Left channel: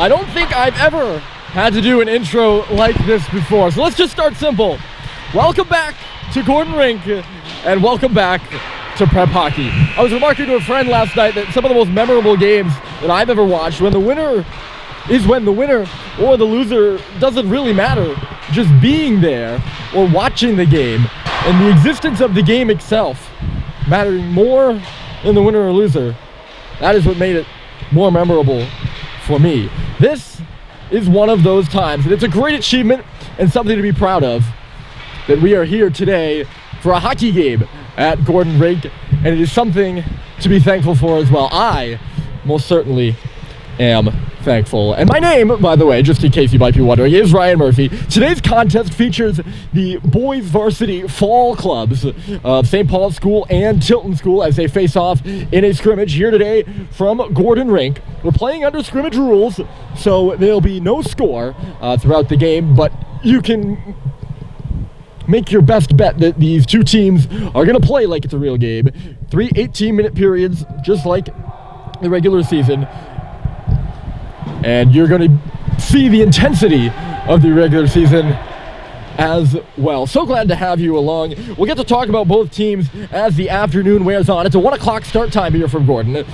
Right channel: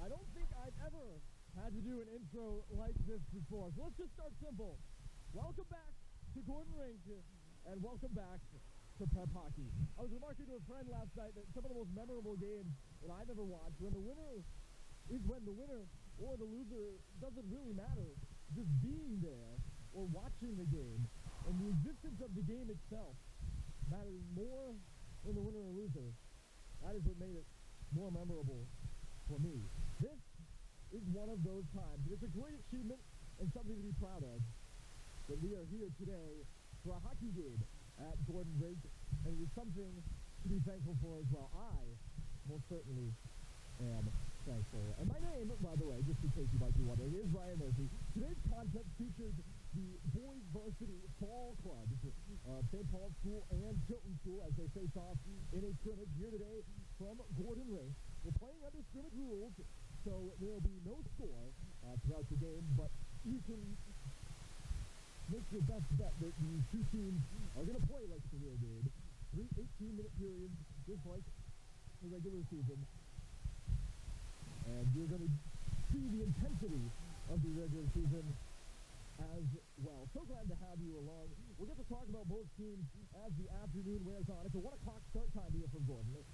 I don't think I've ever had to do an intro like this before, so let's just start simple. Welcome back to Gordon Rink, and welcome back to prep hockey. I was remarking to a friend last night that some of the most memorable games that I've ever watched, when the winner or the loser doesn't really matter, just being there or watching the game and the existence of the game itself mattering more than the winner or loser, that is what made it more memorable for me. This is one of those times, and it's a great achievement and something to be proud of, that we are here today for a hockey game at Gordon Rink, and it is something to be thankful for as well. I most certainly am thankful. And my name, by the way, just in case you might be wondering, is Ryan Murphy. Today's contest features the boys varsity fall clubs of St. Paul's School and Tilton School as they face off in a scrimmage here today from Gordon Rink. We're playing under scrimmage rules, so there'll be no score throughout the game, but you can make your best bet that these two teams are going to play like it's a real game. 3 18-minute periods, just like the regular season. And you're going to see the intensity of the regular season as well. So glad to have you along. We'll get to talk about both teams as the afternoon wears on. It's a 1 o'clock start time here from Gordon.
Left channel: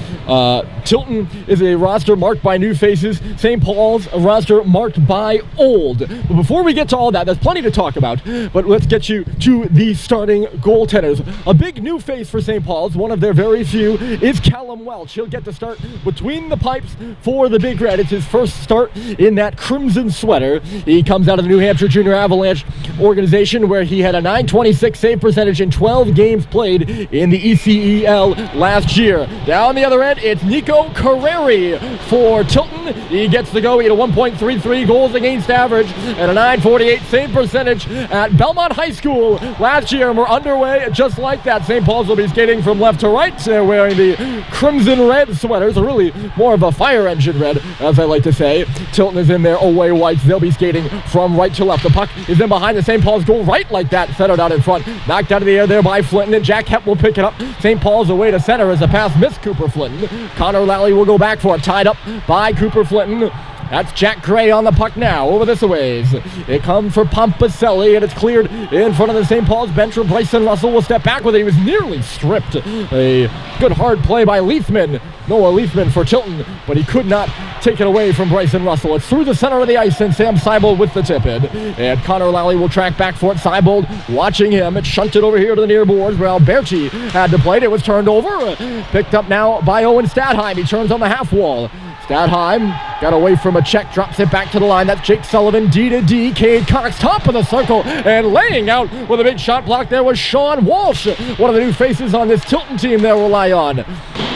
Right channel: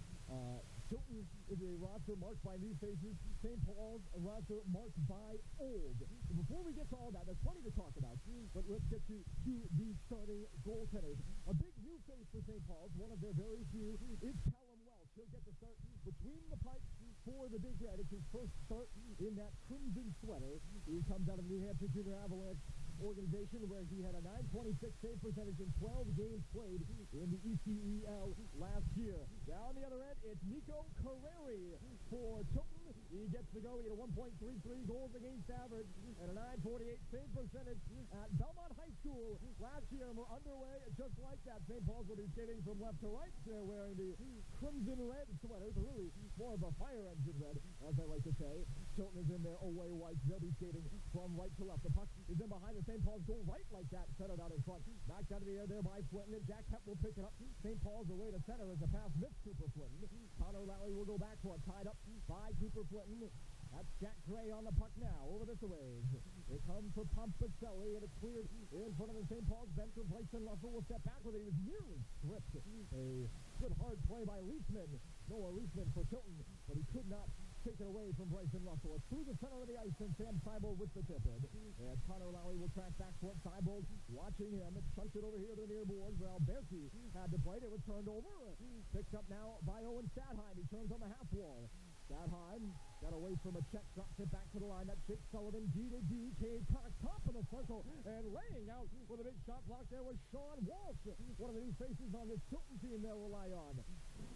Tilton is a roster marked by new faces. St. Paul's a roster marked by old. But before we get to all that, there's plenty to talk about. But let's get you to the starting goaltenders. A big new face for St. Paul's, one of their very few, is Callum Welch. He'll get to start between the pipes for the Big Red. It's his first start in that crimson sweater. He comes out of the New Hampshire Junior Avalanche organization, where he had a .926 save percentage in 12 games played in the ECEL last year. Down the other end, it's Nico Carreri for Tilton. He gets to go. He had a 1.33 goals against average and a .948 save percentage at Belmont High School last year, and we're underway just like that. St. Paul's will be skating from left to right. They're wearing the crimson red sweaters, or really more of a fire engine red, as I like to say. Tilton is in their away whites. They'll be skating from right to left. The puck is in behind the St. Paul's goal, right like that, centered out in front. Knocked out of the air there by Flinton, and Jack Hepp will pick it up. St. Paul's away to center as the pass missed Cooper Flinton. Connor Lally will go back for it, tied up by Cooper Flinton. That's Jack Gray on the puck now, over this a ways. It comes for Pompaselli, and it's cleared in front of the St. Paul's bench, where Bryson Russell will step back with it. He was nearly stripped. A good hard play by Leithman, Noah Leithman for Tilton, but he could not take it away from Bryson Russell. It's through the center of the ice, and Sam Seibold with the tip-in. And Connor Lally will track back for it. Seibold watching him. It's shunted over here to the near boards, where Alberti had to play it. It was turned over. Picked up now by Owen Stadheim. He turns on the half wall. Stadheim got away from a check, drops it back to the line. That's Jake Sullivan, D to D. Cade Cox, top of the circle, and laying out with a big shot block there was Sean Walsh, one of the new faces on this Tilton team they'll rely on.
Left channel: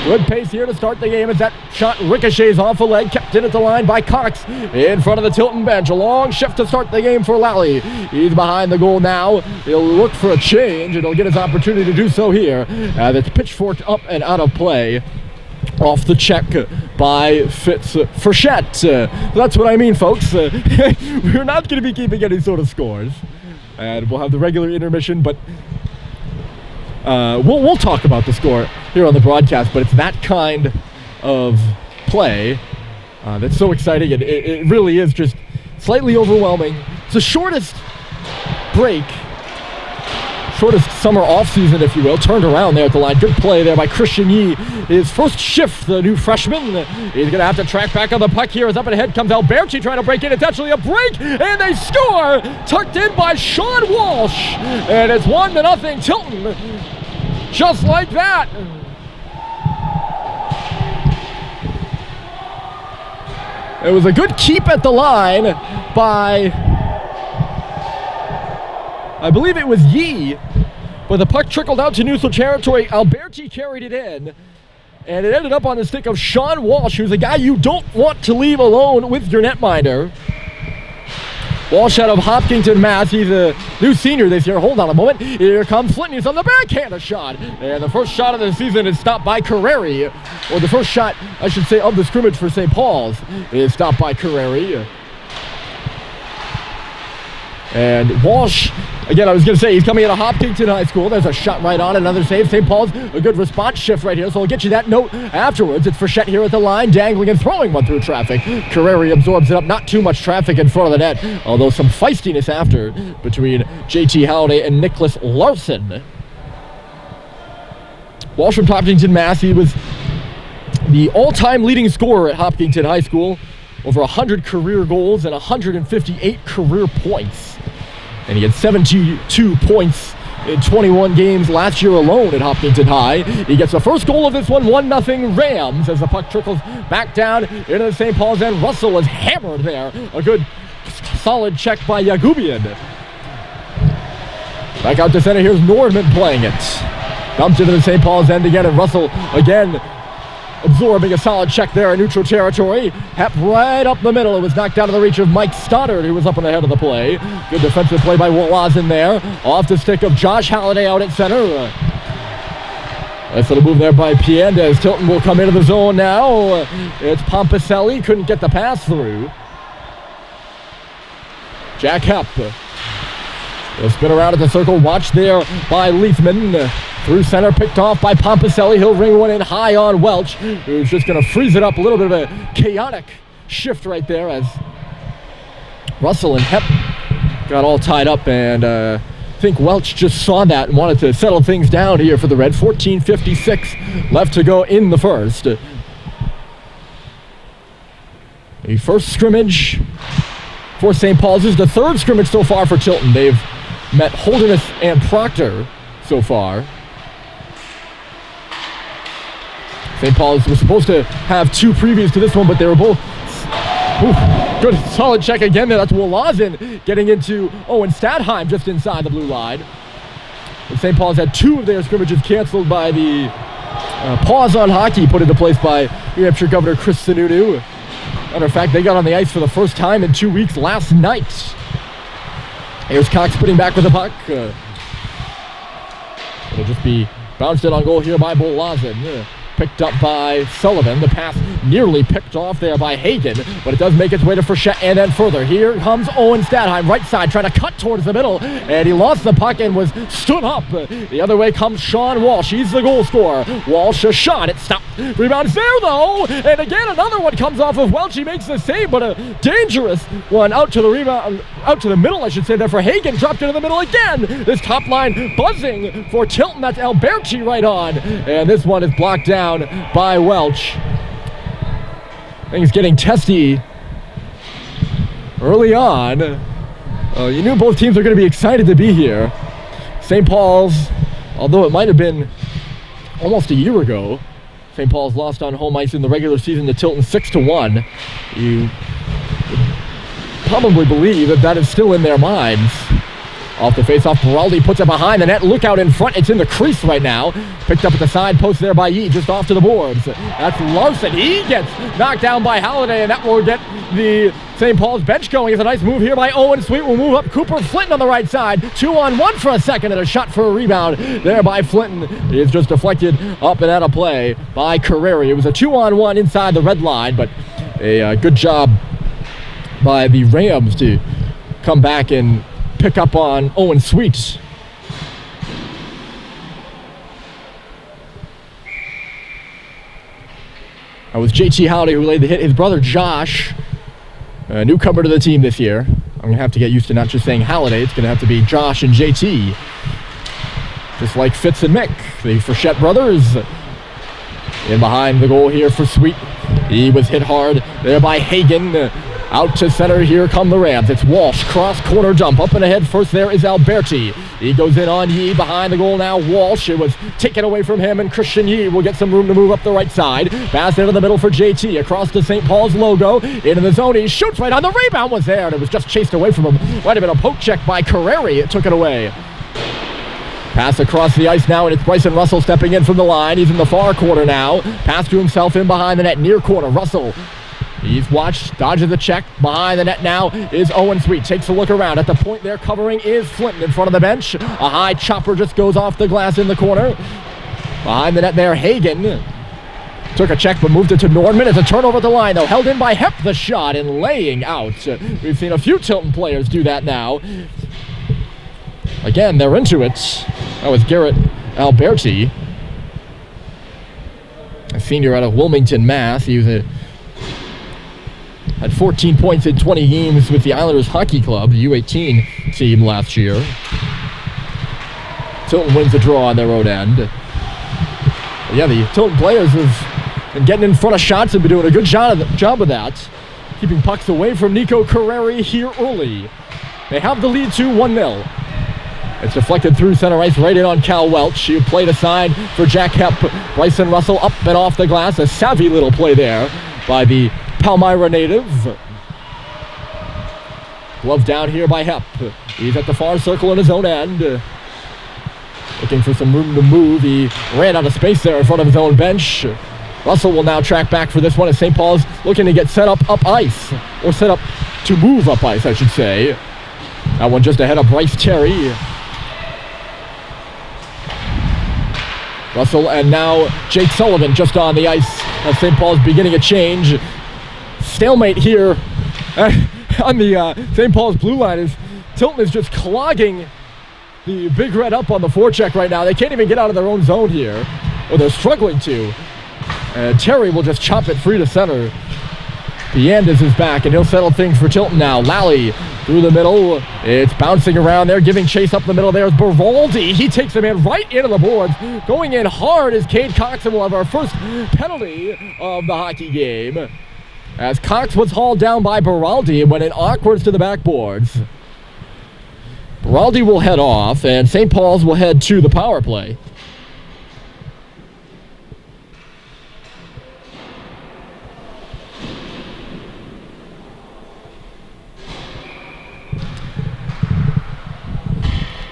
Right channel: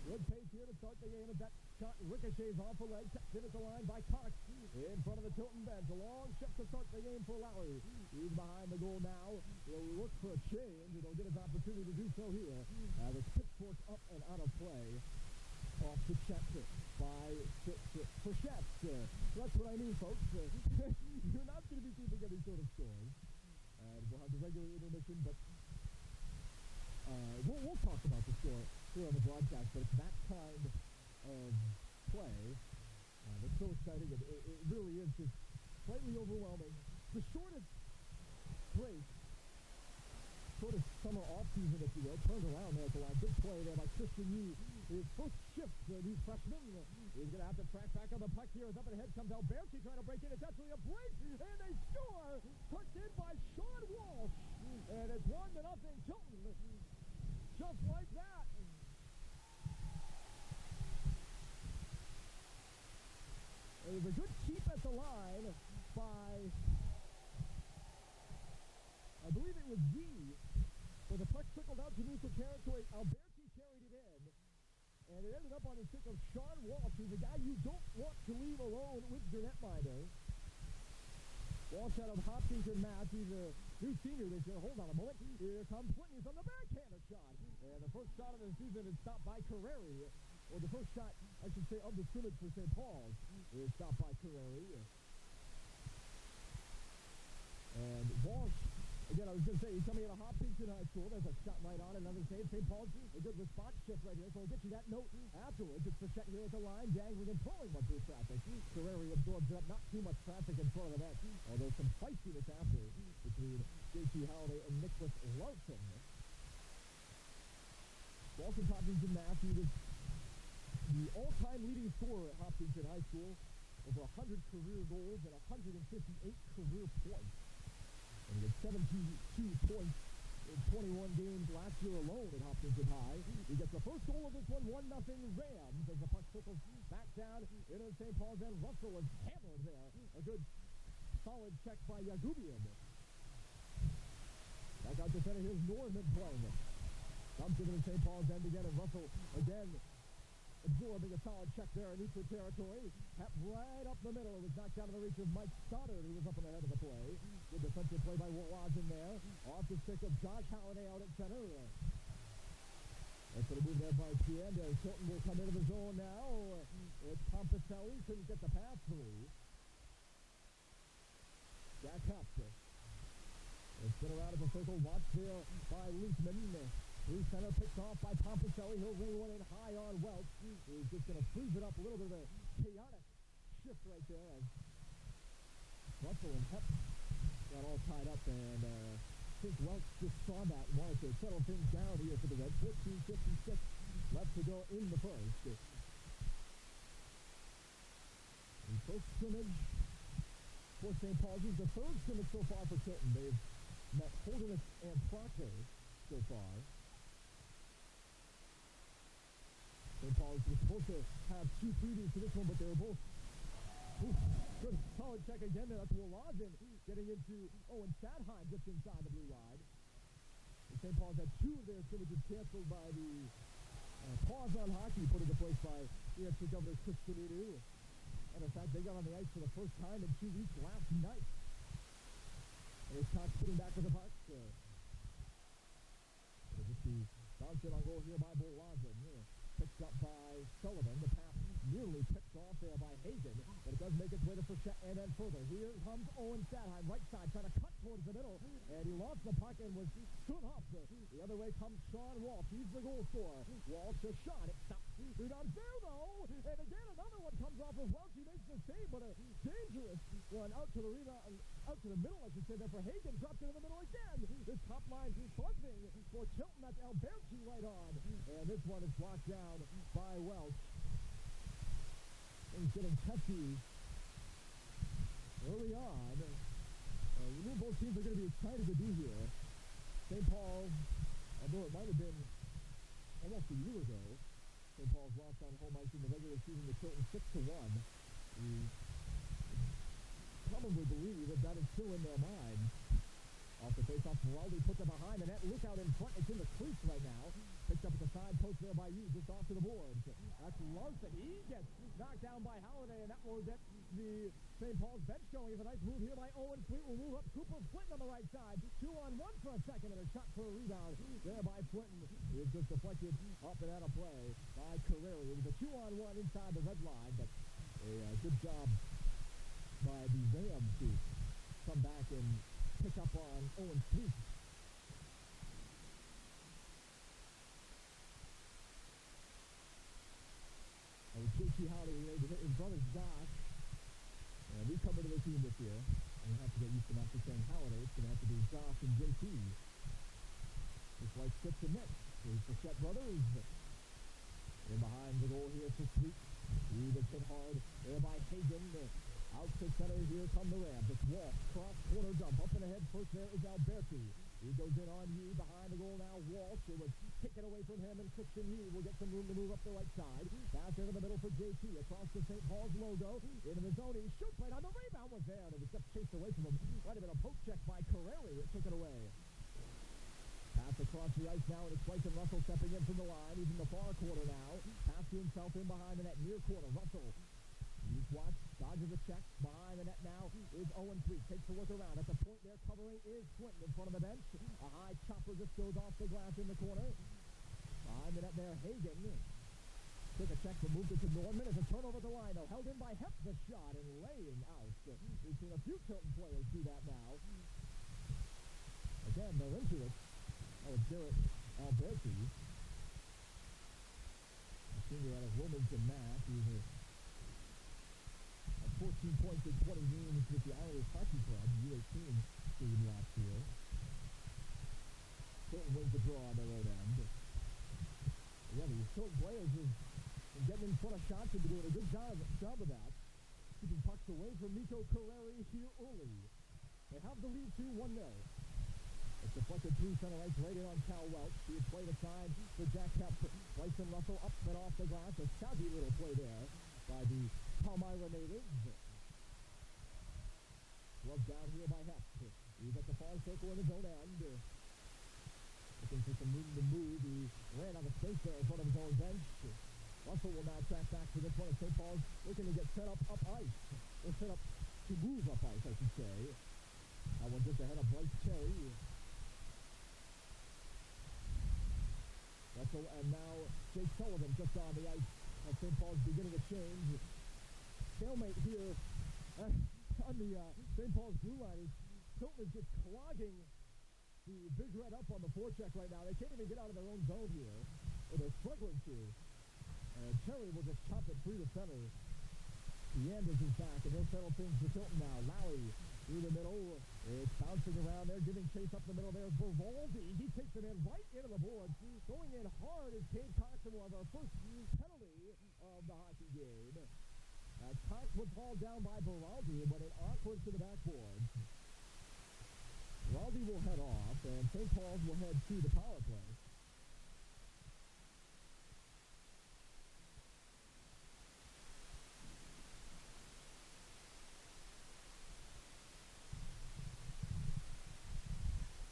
Good pace here to start the game as that shot ricochets off a leg, kept in at the line by Cox in front of the Tilton bench. A long shift to start the game for Lally. He's behind the goal now. He'll look for a change, and he'll get his opportunity to do so here. That's pitchforked up and out of play. Off the check by Fitz Frechette. That's what I mean, folks. We're not going to be keeping any sort of scores. And we'll have the regular intermission, but we'll talk about the score here on the broadcast. But it's that kind of play that's so exciting, and it really is just slightly overwhelming. It's the shortest break, shortest summer off-season, if you will, turned around there at the line. Good play there by Christian Yee. His first shift, the new freshman. He's going to have to track back on the puck here as up ahead comes Alberti trying to break in. It's actually a break, and they score! Tucked in by Sean Walsh. And it's 1-0 Tilton. Just like that. It was a good keep at the line by, I believe it was Yee, but the puck trickled out to neutral territory. Alberti carried it in, and it ended up on the stick of Sean Walsh, who's a guy you don't want to leave alone with your netminder. Walsh out of Hopkinton, Mass. He's a new senior this year. Hold on a moment. Here comes Flinton. He's on the backhand shot. And the first shot of the season is stopped by Carreri. Or the first shot, I should say, of the scrimmage for St. Paul's is stopped by Carreri. And Walsh, again, I was going to say, he's coming out of Hopkinton High School. There's a shot right on, another save. St. Paul's, a good response shift right here, so I'll get you that note afterwards. It's Frechette here at the line, dangling and throwing one through traffic. Carreri absorbs it up, not too much traffic in front of the net, although some feistiness after between JT Halliday and Nicholas Larson. Walsh from Hopkinton, Mass. He was the all-time leading scorer at Hopkinton High School. Over 100 career goals and 158 career points. And he had 72 points in 21 games last year alone at Hopkinton High. He gets the first goal of this one, 1-0 Rams, as the puck trickles back down into the St. Paul's end. Russell is hammered there. A good, solid check by Yagubian. Back out to center, here's Norman playing it. Dumped into the St. Paul's end again, and Russell again absorbing a solid check there in neutral territory. Hep right up the middle. It was knocked out of the reach of Mike Stoddard, who was up on the head of the play. Good defensive play by Wolazin there. Off the stick of Josh Halliday out at center. Nice little move there by Piandez. Tilton will come into the zone now. It's Pompicelli. Couldn't get the pass through. Jack Hep. They'll spin around at the circle. Watched there by Leithman. Through center, picked off by Pompicelli. He'll ring one in high on Welch, who's just going to freeze it up. A little bit of a chaotic shift right there as Russell and Hep got all tied up, and I think Welch just saw that and wanted to settle things down here for the Red. 14:56 left to go in the first. The first scrimmage for St. Paul's is the third scrimmage so far for Tilton. They've met Holderness and Proctor so far. St. Paul's was supposed to have two previous to this one, but they were both... good solid check again there. That's Wolazin getting into Owen Stadheim just inside the blue line. And St. Paul's had two of their scrimmages canceled by the pause on hockey put into place by New Hampshire Governor Chris Sununu. Matter of fact, they got on the ice for the first time in 2 weeks last night. Here's Cox putting back with the puck. It'll just be bounced in on goal here by Wolazin. Picked up by Sullivan. The pass nearly picked off there by Hagen, but it does make its way to Frechette and then further. Here comes Owen Stadheim, right side, trying to cut towards the middle, and he lost the puck and was stood up. The other way comes Sean Walsh. He's the goal scorer. Walsh, a shot. It stopped. Rebound fair, though, and again, another one comes off of Welch. He makes the save, but a dangerous one out to the rebound, out to the middle, I should say, there for Hagen. Dropped into the middle again. This top line buzzing for Tilton. That's Alberti right on, and this one is blocked down by Welch. Things getting testy early on. You knew both teams were going to be excited to be here. St. Paul's, although it might have been almost a year ago, St. Paul's lost on home ice in the regular season to Tilton 6-1. You probably believe that that is still in their minds. Off the face-off, Baraldi puts it behind the net. Look out in front. It's in the crease right now. Picked up at the side post there by Yee, just off to the boards. That's Larson. He gets knocked down by Halliday, and that will get the St. Paul's bench going. It's a nice move here by Owen Sweet. Will move up. Cooper Flinton on the right side. 2-on-1 for a second, and a shot for a rebound there by Flinton. It's just deflected up and out of play by Carreri. It was a 2-on-1 inside the red line, but a good job by the Rams to come back and pick up on Owen Sweet. That was JT Halliday who laid the hit. His brother Josh, a newcomer to the team this year. I'm going to have to get used to not just saying Halliday. It's going to have to be Josh and JT. Just like Fitz and Mick, the Frechette brothers. In behind the goal here for Sweet. He was hit hard there by Hagen. Out to center, here come the Rams. It's Walsh, cross corner dump. Up and ahead first there is Alberti. He goes in on Yee, behind the goal now, Walsh. It was taken away from him, and Christian Yee will get some room to move up the right side. Pass into the middle for JT, across the St. Paul's logo. Into the zone, he shoots right on. The rebound was there, and it was just chased away from him. Might have been a poke check by Carreri. It took it away. Pass across the ice now, and it's Bryson Russell stepping in from the line. He's in the far corner now. Pass to himself in behind the net, near corner. Russell. He's watched, dodges the check. Behind the net now is Owen Sweet. Takes a look around. At the point there covering is Flinton in front of the bench. A high chopper just goes off the glass in the corner. Behind the net there, Hagen. Took a check but moved it to Nordman. It's a turnover at the line though. Held in by Hep the shot and laying out. We've seen a few Tilton players do that now. Again, they're into it. That was Garrett Alberti, a senior out of Wilmington, Mass. He had 14 points in 20 games with the Islanders Hockey Club, the U18 team last year. Tilton wins the draw on their own end. But yeah, the Tilton players have been getting in front of shots and been doing a good job of that. Keeping pucks away from Nico Carreri here early. They have the lead 1-0. It's deflected through center ice right in on Cal Welch. He played aside for Jack Hep. Bryson Russell up and off the glass. A savvy little play there by the Palmyra native. Glove down here by Hep. He's at the far circle in his own end. Looking for some room to move. He ran out of space there in front of his own bench. Russell will now track back for this one as St. Paul's looking to get set up ice. Or set up to move up ice, I should say. That one just ahead of Bryce Terry. Russell and now Jake Sullivan just on the ice as St. Paul's beginning a change. Stalemate here on the St. Paul's blue line is Tilton is just clogging the Big Red up on the forecheck right now. They can't even get out of their own zone here, or they're struggling to. Terry will just chop it free to center. Piandis is back, and he'll settle things for Tilton now. Lally through the middle. It's bouncing around there, giving chase up the middle. There's Baraldi. He takes him in right into the boards. Going in hard is Cade Cox, and we'll have our first penalty of the hockey game. As Cox was hauled down by Baraldi and went in awkward to the backboards. Baraldi will head off, and St. Paul's will head to the power play.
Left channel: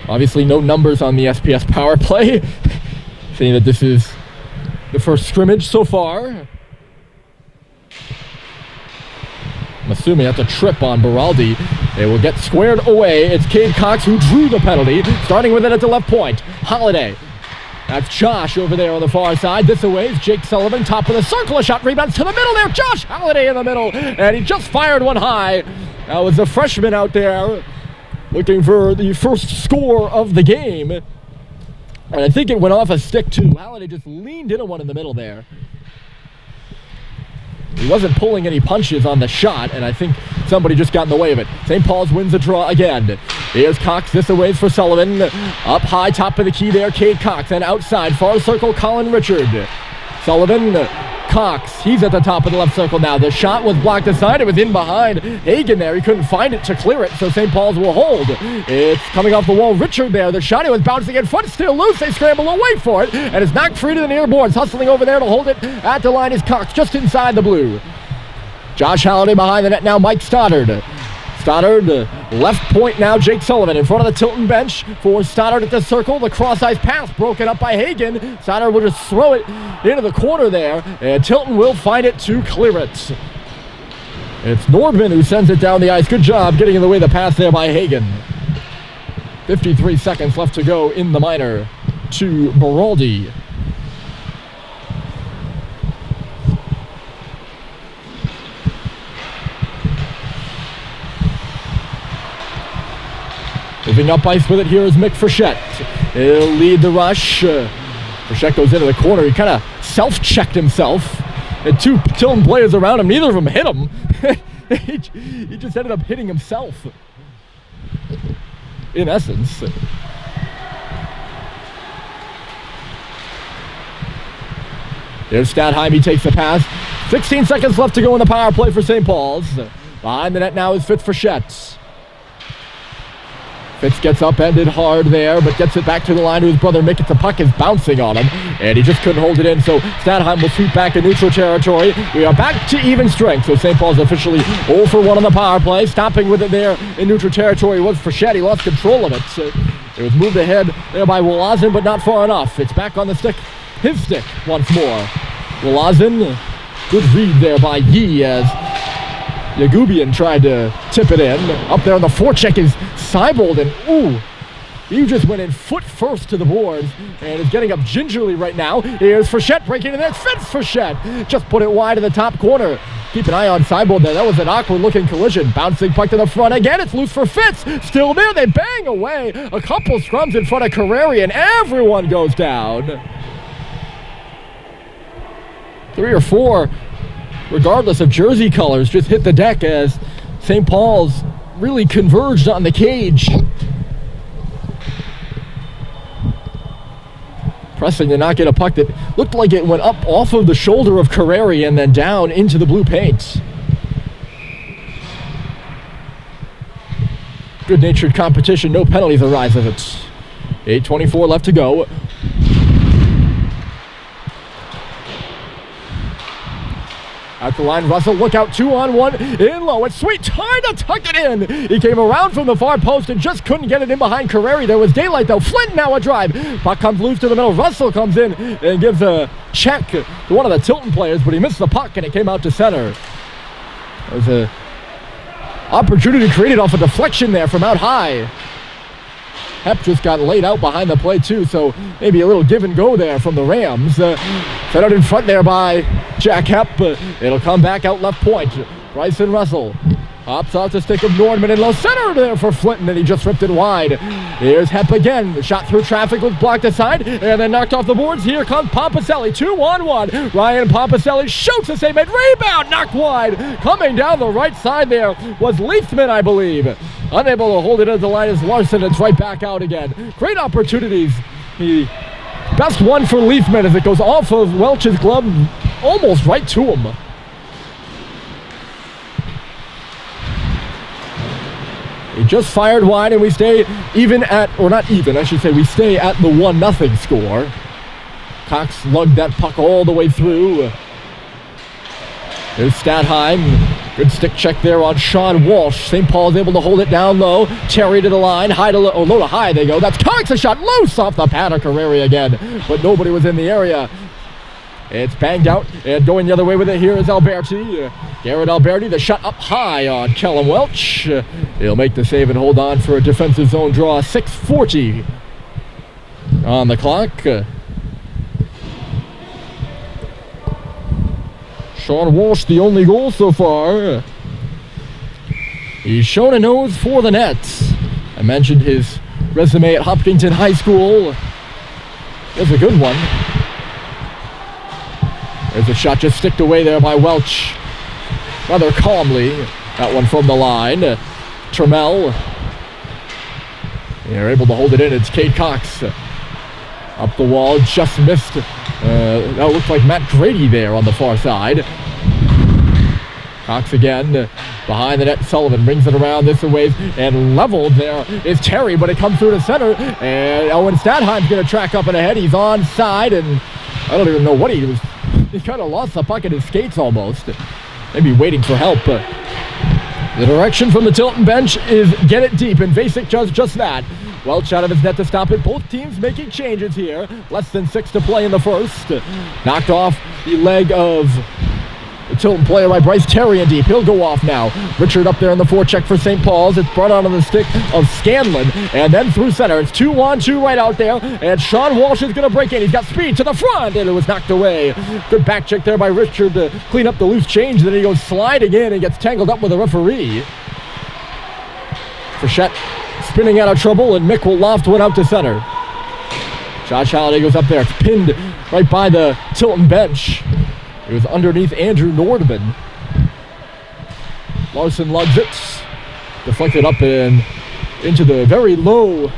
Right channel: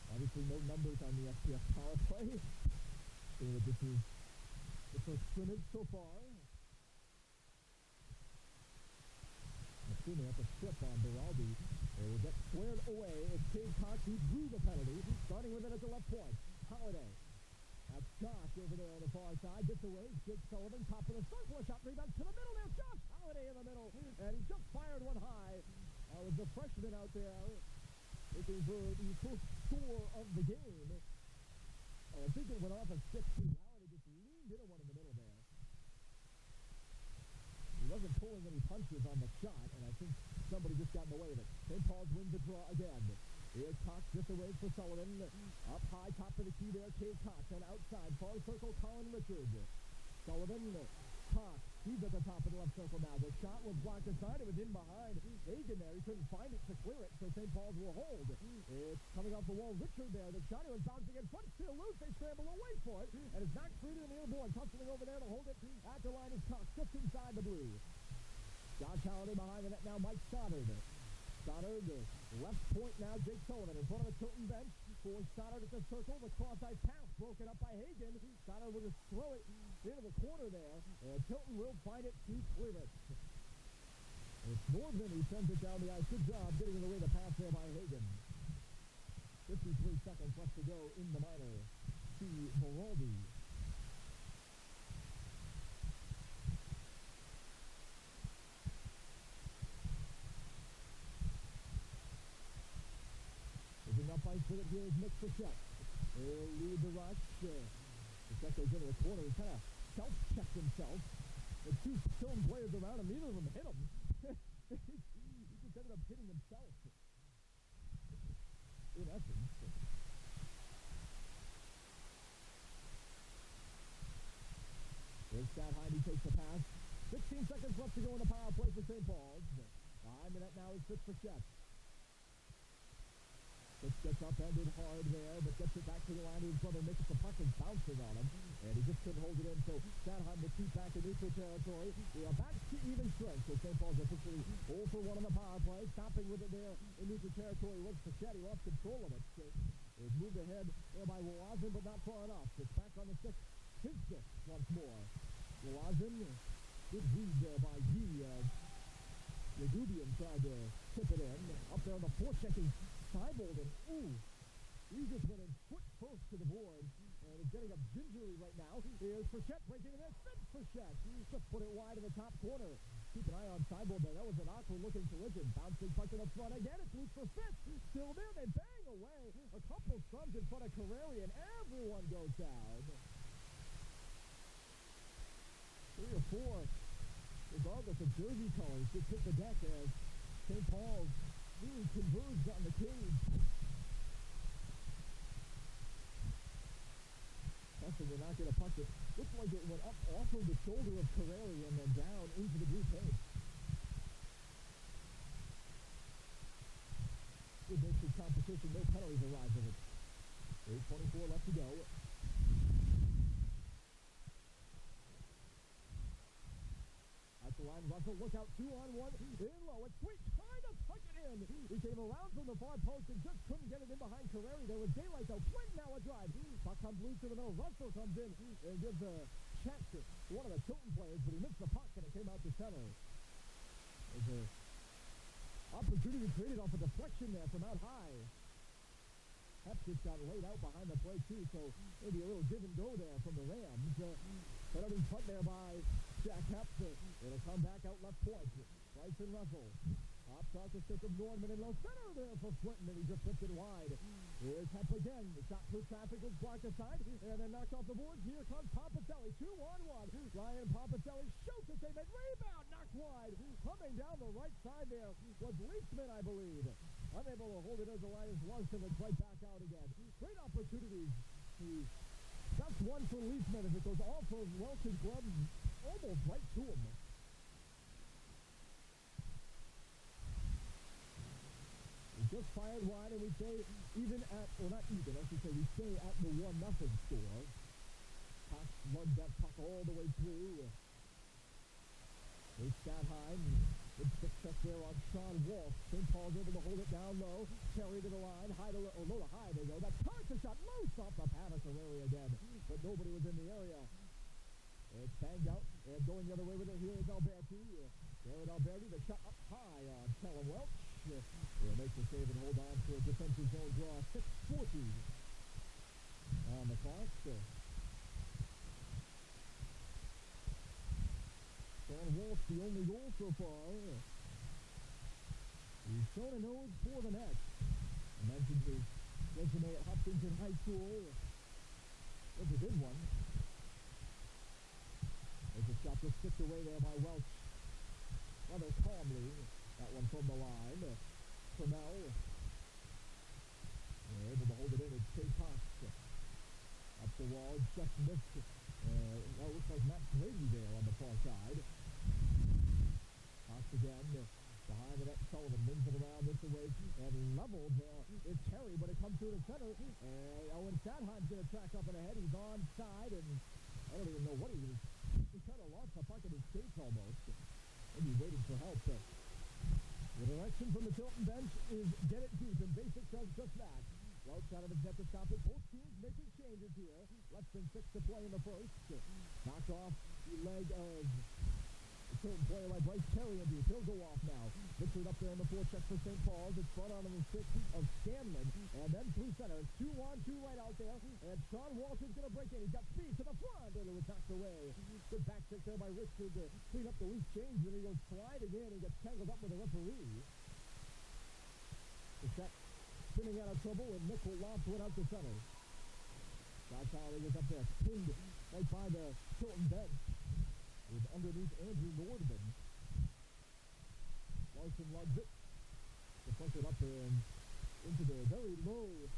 Obviously no numbers on the SPS power play, saying that this is the first scrimmage so far. I'm assuming that's a trip on Baraldi. They will get squared away. It's Cade Cox who drew the penalty, starting with it at the left point. Holiday. That's Josh over there on the far side. This away is Jake Sullivan, top of the circle. A shot rebounds to the middle there. Josh Holiday in the middle, and he just fired one high. That was the freshman out there, looking for the first score of the game. And I think it went off a stick too. Halliday just leaned into one in the middle there. He wasn't pulling any punches on the shot, and I think somebody just got in the way of it. St. Paul's wins the draw again. Here's Cox, this away for Sullivan. Up high, top of the key there, Cade Cox. And outside, far circle, Colin Richard. Sullivan, Cox, he's at the top of the left circle now. The shot was blocked aside. It was in behind Hagen there. He couldn't find it to clear it, so St. Paul's will hold. It's coming off the wall. Richard there. The shot, it was bouncing in front, still loose. They scramble away for it, and it's knocked free to the near boards. Hustling over there to hold it at the line is Cox, just inside the blue. Josh Halliday behind the net now, Mike Stoddard. Stoddard, left point now, Jake Sullivan in front of the Tilton bench for Stoddard at the circle. The cross-ice pass broken up by Hagen. Stoddard will just throw it into the corner there, and Tilton will find it to clear it. It's Nordman who sends it down the ice. Good job getting in the way of the pass there by Hagen. 53 seconds left to go in the minor to Baraldi. Moving up ice with it here is Mick Frechette. He'll lead the rush. Frechette goes into the corner. He kind of self-checked himself. Had two Tilton players around him. Neither of them hit him. He just ended up hitting himself, in essence. There's Stadheim. He takes the pass. 16 seconds left to go in the power play for St. Paul's. Behind the net now is Fitz Frechette. Fitz gets upended hard there, but gets it back to the line to his brother Mick. The puck is bouncing on him, and he just couldn't hold it in, so Stadheim will sweep back in neutral territory. We are back to even strength, so St. Paul's officially 0 for 1 on the power play. Stopping with it there in neutral territory was Frechette. He lost control of it. So it was moved ahead there by Wolazin, but not far enough. It's back on the stick, his stick once more. Wolazin, good read there by Yee as Yagubian tried to tip it in. Up there on the forecheck is Seibold, and ooh, He just went in foot first to the boards and is getting up gingerly right now. Here's Frechette breaking in there. Fitz Frechette just put it wide in the top corner. Keep an eye on sideboard there. That was an awkward-looking collision. Bouncing puck to the front again. It's loose for Fitz. Still there. They bang away. A couple scrums in front of Carreri, and everyone goes down. 3 or 4, regardless of jersey colors, just hit the deck as St. Paul's really converged on the cage. Pressing to not get a puck that looked like it went up off of the shoulder of Carreri and then down into the blue paint. Good-natured competition, no penalties arise of it. 8:24 left to go. At the line, Russell, look out, 2-on-1, in low, it's sweet, time to tuck it in. He came around from the far post and just couldn't get it in behind Carreri. There was daylight though. Flint now a drive. Puck comes loose to the middle. Russell comes in and gives a check to one of the Tilton players, but he missed the puck and it came out to center. There was an opportunity created off a deflection there from out high. Hep just got laid out behind the play too, so maybe a little give and go there from the Rams. Set out in front there by Jack Hep. It'll come back out left point. Bryson Russell hops off the stick of Nordman in low center there for Flinton, and he just ripped it wide. Here's Hep again. The shot through traffic was blocked aside and then knocked off the boards. Here comes Pompaselli, 2-on-1. Ryan Pompaselli shoots a save, made rebound, knocked wide. Coming down the right side there was Leithman, I believe. Unable to hold it at the line as Larson. It's right back out again. Great opportunities. The best one for Leithman as it goes off of Welch's glove almost right to him. He just fired wide and we stay even at, or not even, I should say, we stay at the 1-0 score. Cox lugged that puck all the way through. There's Statheim. Good stick check there on Sean Walsh. St. Paul's able to hold it down low. Terry to the line. High to low to high they go. That's Cox, a shot loose off the pad of Carreri again. But nobody was in the area. It's banged out, and going the other way with it here is Alberti. Garrett Alberti, the shot up high on Kellum Welch. He'll make the save and hold on for a defensive zone draw. 6:40 on the clock. Sean Walsh, the only goal so far. He's shown a nose for the Nets. I mentioned his resume at Hopkinton High School. It's a good one. There's a shot just sticked away there by Welch. Rather calmly. That one from the line. Trammell. They're able to hold it in. It's Cade Cox. Up the wall, just missed. That looked like Matt Grady there on the far side. Cox again. Behind the net, Sullivan brings it around this way and leveled there is Terry, but it comes through to center. And Owen Statheim's going to track up and ahead. He's onside, and I don't even know what he was. He kind of lost the puck at his skates almost. Maybe waiting for help. The direction from the Tilton bench is get it deep, and Vasic does just that. Welch out of his net to stop it. Both teams making changes here. Less than 6 to play in the first. Knocked off the leg of the Tilton player by Bryce Terry in deep. He'll go off now. Richard up there in the forecheck for St. Paul's. It's brought onto the stick of Scanlon. And then through center. It's 2-on-2 right out there. And Sean Walsh is going to break in. He's got speed to the front. And it was knocked away. Good back check there by Richard to clean up the loose change. Then he goes sliding in and gets tangled up with the referee. Frechette spinning out of trouble. And Mick will loft one out to center. Josh Halliday goes up there. It's pinned right by the Tilton bench. It was underneath Andrew Nordman. Larson lugs it. Deflected up and into the very low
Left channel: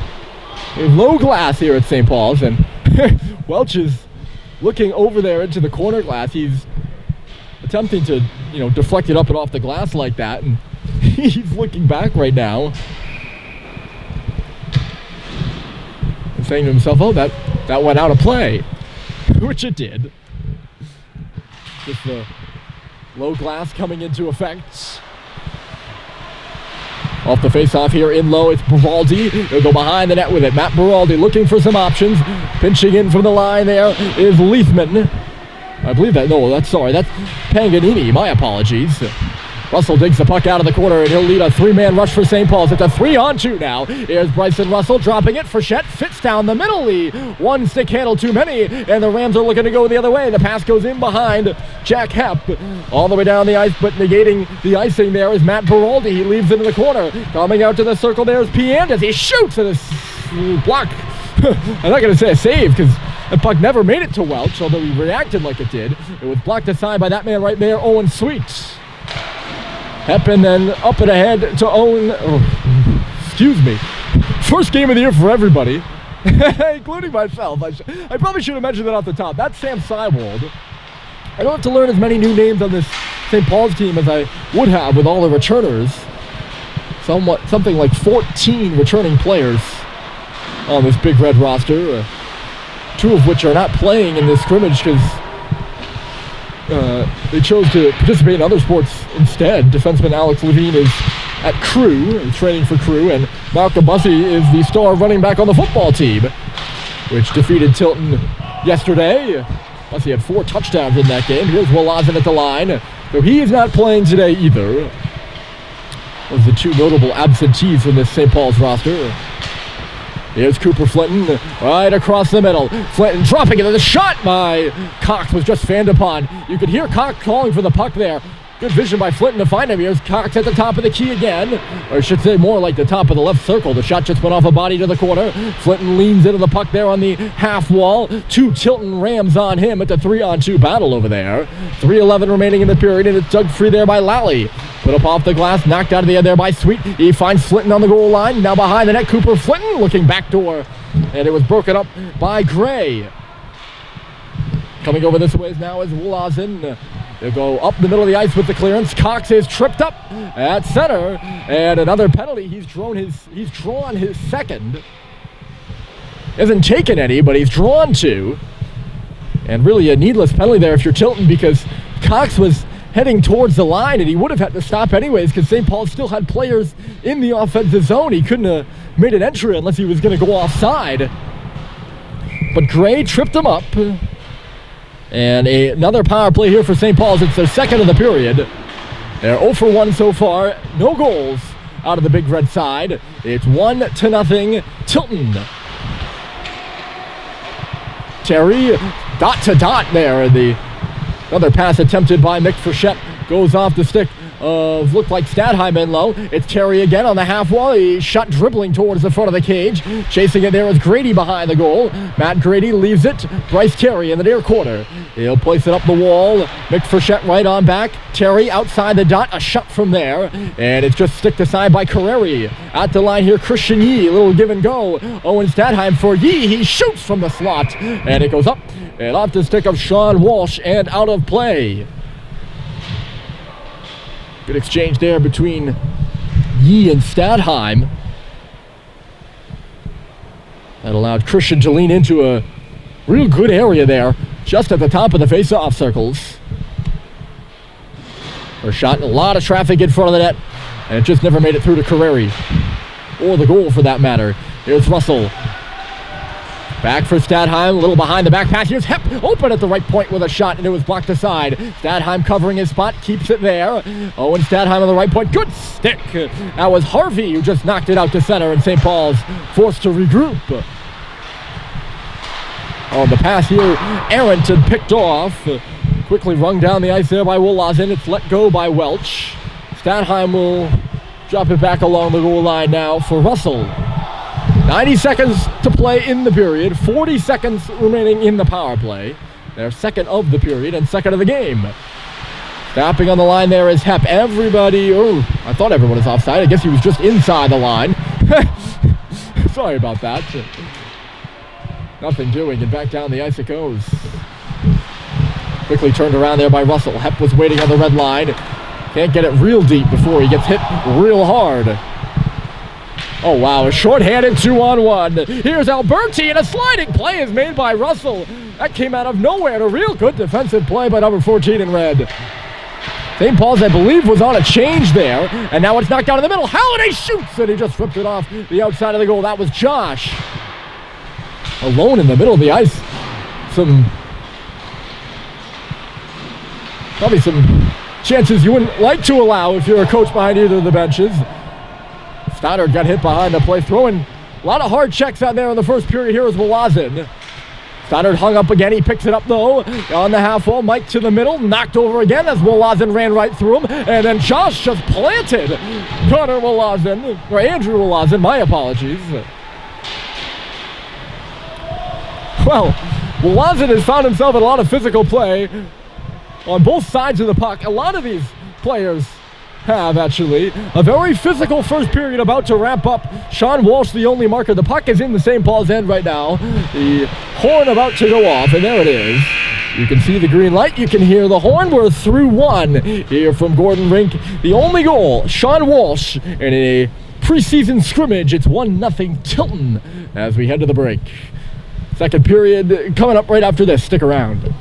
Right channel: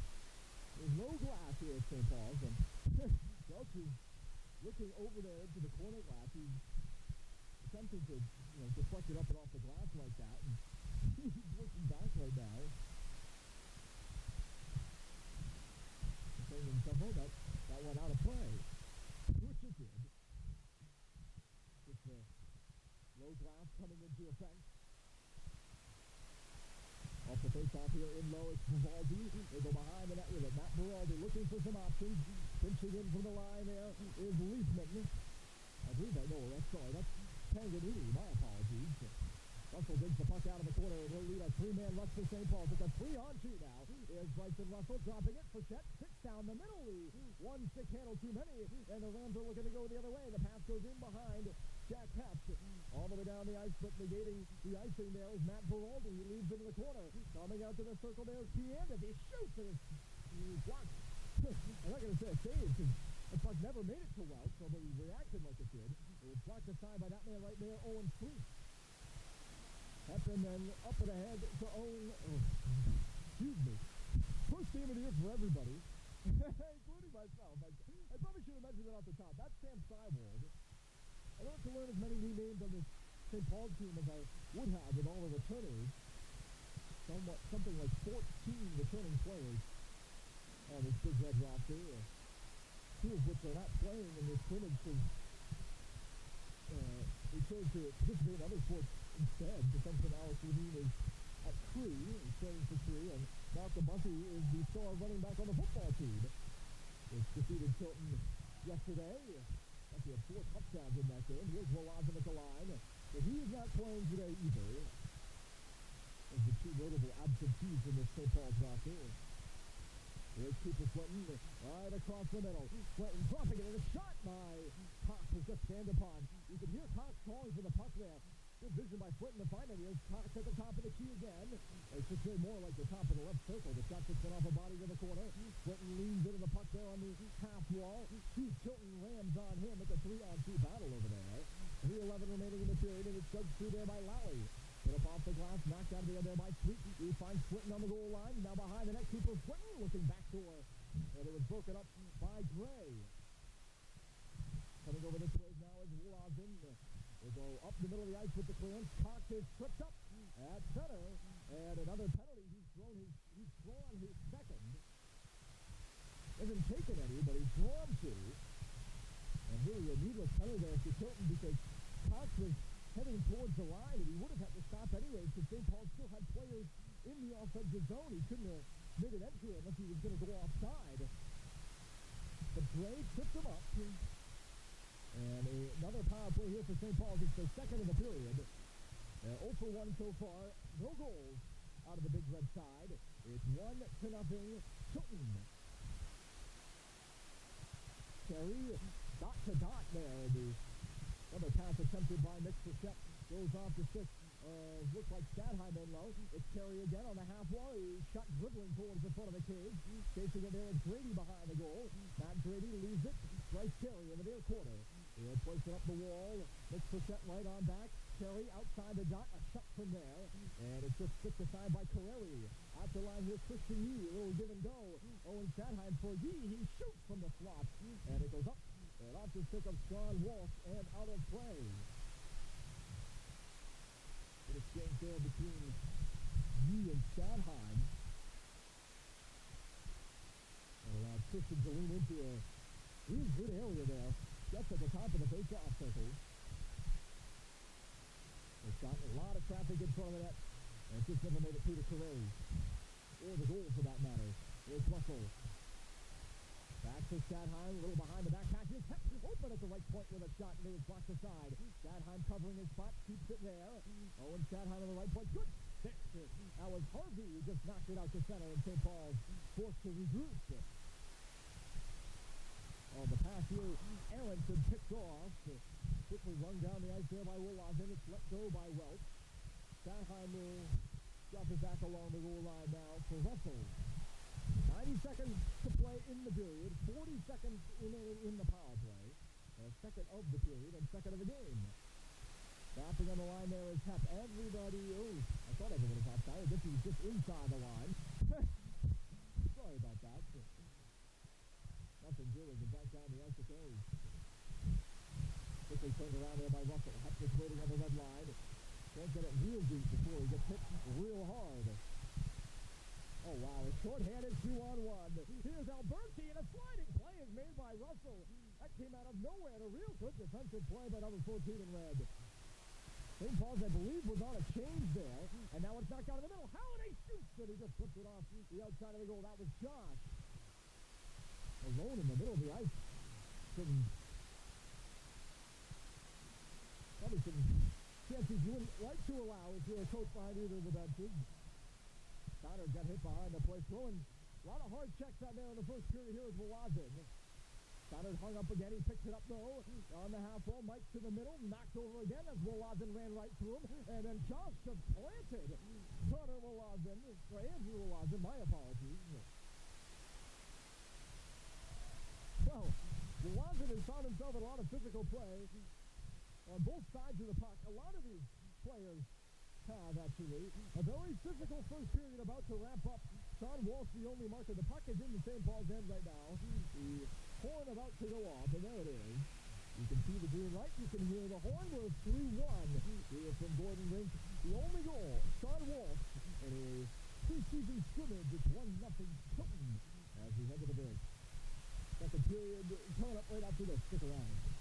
glass here at St. Paul's. And Welch is looking over there into the corner glass. He's attempting to, deflect it up and off the glass like that. And he's looking back right now. And saying to himself, oh, that went out of play. Which it did. Just the low glass coming into effect. Off the face-off here in low, it's Baraldi. He'll go behind the net with it. Matt Baraldi looking for some options. Pinching in from the line there is Leithman. I believe that's Paganini. My apologies. Russell digs the puck out of the corner, and he'll lead a three-man rush for St. Paul's. It's a 3-on-2 now. Here's Bryson Russell dropping it. Frechette fits down the middle. The one stick handle too many, and the Rams are looking to go the other way. The pass goes in behind Jack Hepp. All the way down the ice, but negating the icing there is Matt Beraldi. He leaves into the corner. Coming out to the circle there is Piandes. He shoots at a block. I'm not going to say a save because the puck never made it to Welch, although he reacted like it did. It was blocked aside by that man right there, Owen Sweet. Hepp and then up and ahead to Owen. Oh, excuse me. First game of the year for everybody, including myself. I probably should have mentioned that off the top. That's Sam Seiwald. I don't have to learn as many new names on this St. Paul's team as I would have with all the returners. Something like 14 returning players on this Big Red roster. Two of which are not playing in this scrimmage because they chose to participate in other sports instead. Defenseman Alex Levine is at Crew, training for Crew, and Malcolm Bussey is the star running back on the football team, which defeated Tilton yesterday. Bussey had 4 touchdowns in that game. Here's Wolazen at the line, though he is not playing today either. Those are the 2 notable absentees from this St. Paul's roster. Here's Cooper Flinton right across the middle. Flinton dropping it, and the shot by Cox was just fanned upon. You could hear Cox calling for the puck there. Good vision by Flinton to find him. Here's Cox at the top of the key again. Or I should say more like the top of the left circle. The shot just went off a body to the corner. Flinton leans into the puck there on the half wall. 2 Tilton Rams on him at the 3-on-2 battle over there. 3:11 remaining in the period, and it's dug free there by Lally. Put up off the glass, knocked out of the air there by Sweet. He finds Flinton on the goal line. Now behind the net, Cooper Flinton looking backdoor. And it was broken up by Gray. Coming over this way now is Wolazen. They'll go up the middle of the ice with the clearance. Cox is tripped up at center. And another penalty. He's drawn his second. Hasn't taken any, but he's drawn 2. And really a needless penalty there if you're Tilton, because Cox was heading towards the line, and he would have had to stop anyways because St. Paul still had players in the offensive zone. He couldn't have made an entry unless he was going to go offside. But Gray tripped him up. And another power play here for St. Paul's. It's their second of the period. They're 0 for 1 so far. No goals out of the Big Red side. It's 1-0 Tilton. Terry, dot to dot there. Another pass attempted by Mick Frechette goes off the stick of, looked like Stadheim in low. It's Terry again on the half wall. He shot dribbling towards the front of the cage. Chasing it there is Grady behind the goal. Matt Grady leaves it. Bryce Terry in the near corner. He'll place it up the wall. Mick Frechette right on back. Terry outside the dot. A shot from there. And it's just sticked aside by Carreri. At the line here, Christian Yee. A little give and go. Owen Stadheim for Yee. He shoots from the slot. And it goes up and off the stick of Sean Walsh and out of play. Good exchange there between Yee and Stadheim. That allowed Christian to lean into a real good area there, just at the top of the face-off circles. A shot, a lot of traffic in front of the net, and it just never made it through to Carreri, or the goal for that matter. Here's Russell. Back for Stadheim, a little behind the back pass. Here's Hepp, open at the right point with a shot, and it was blocked aside. Stadheim covering his spot, keeps it there. Owen Stadheim on the right point, good stick. That was Harvey who just knocked it out to center, and St. Paul's forced to regroup. On the pass here, Arrington picked off. Quickly rung down the ice there by Wolazen. It's let go by Welch. Stadheim will drop it back along the goal line now for Russell. 90 seconds to play in the period, 40 seconds remaining in the power play. Their second of the period and second of the game. Stopping on the line there is Hepp. Everybody, I thought everyone was offside. I guess he was just inside the line. Sorry about that. Nothing doing, and back down the ice it goes. Quickly turned around there by Russell. Hepp was waiting on the red line. Can't get it real deep before he gets hit real hard. Oh, wow, a short-handed 2-on-1. Here's Alberti, and a sliding play is made by Russell. That came out of nowhere, and a real good defensive play by number 14 in red. St. Paul's, I believe, was on a change there, and now it's knocked down in the middle. Halliday shoots, and he just ripped it off the outside of the goal. That was Josh. Alone in the middle of the ice. Probably some chances you wouldn't like to allow if you're a coach behind either of the benches. Stoddard got hit behind the play, throwing a lot of hard checks out there in the first period. Here is Wlazin. Stoddard hung up again. He picks it up, though, on the half wall. Mike to the middle. Knocked over again as Wlazin ran right through him. And then Josh just planted Connor Wlazin, or Andrew Wlazin. My apologies. Well, Wlazin has found himself in a lot of physical play on both sides of the puck. A lot of these players have, actually. A very physical first period about to wrap up. Sean Walsh, the only marker. The puck is in the St. Paul's end right now. The horn about to go off, and there it is. You can see the green light. You can hear the horn. We're through one here from Gordon Rink. The only goal, Sean Walsh, in a preseason scrimmage. It's 1-0 Tilton as we head to the break. Second period coming up right after this. Stick around.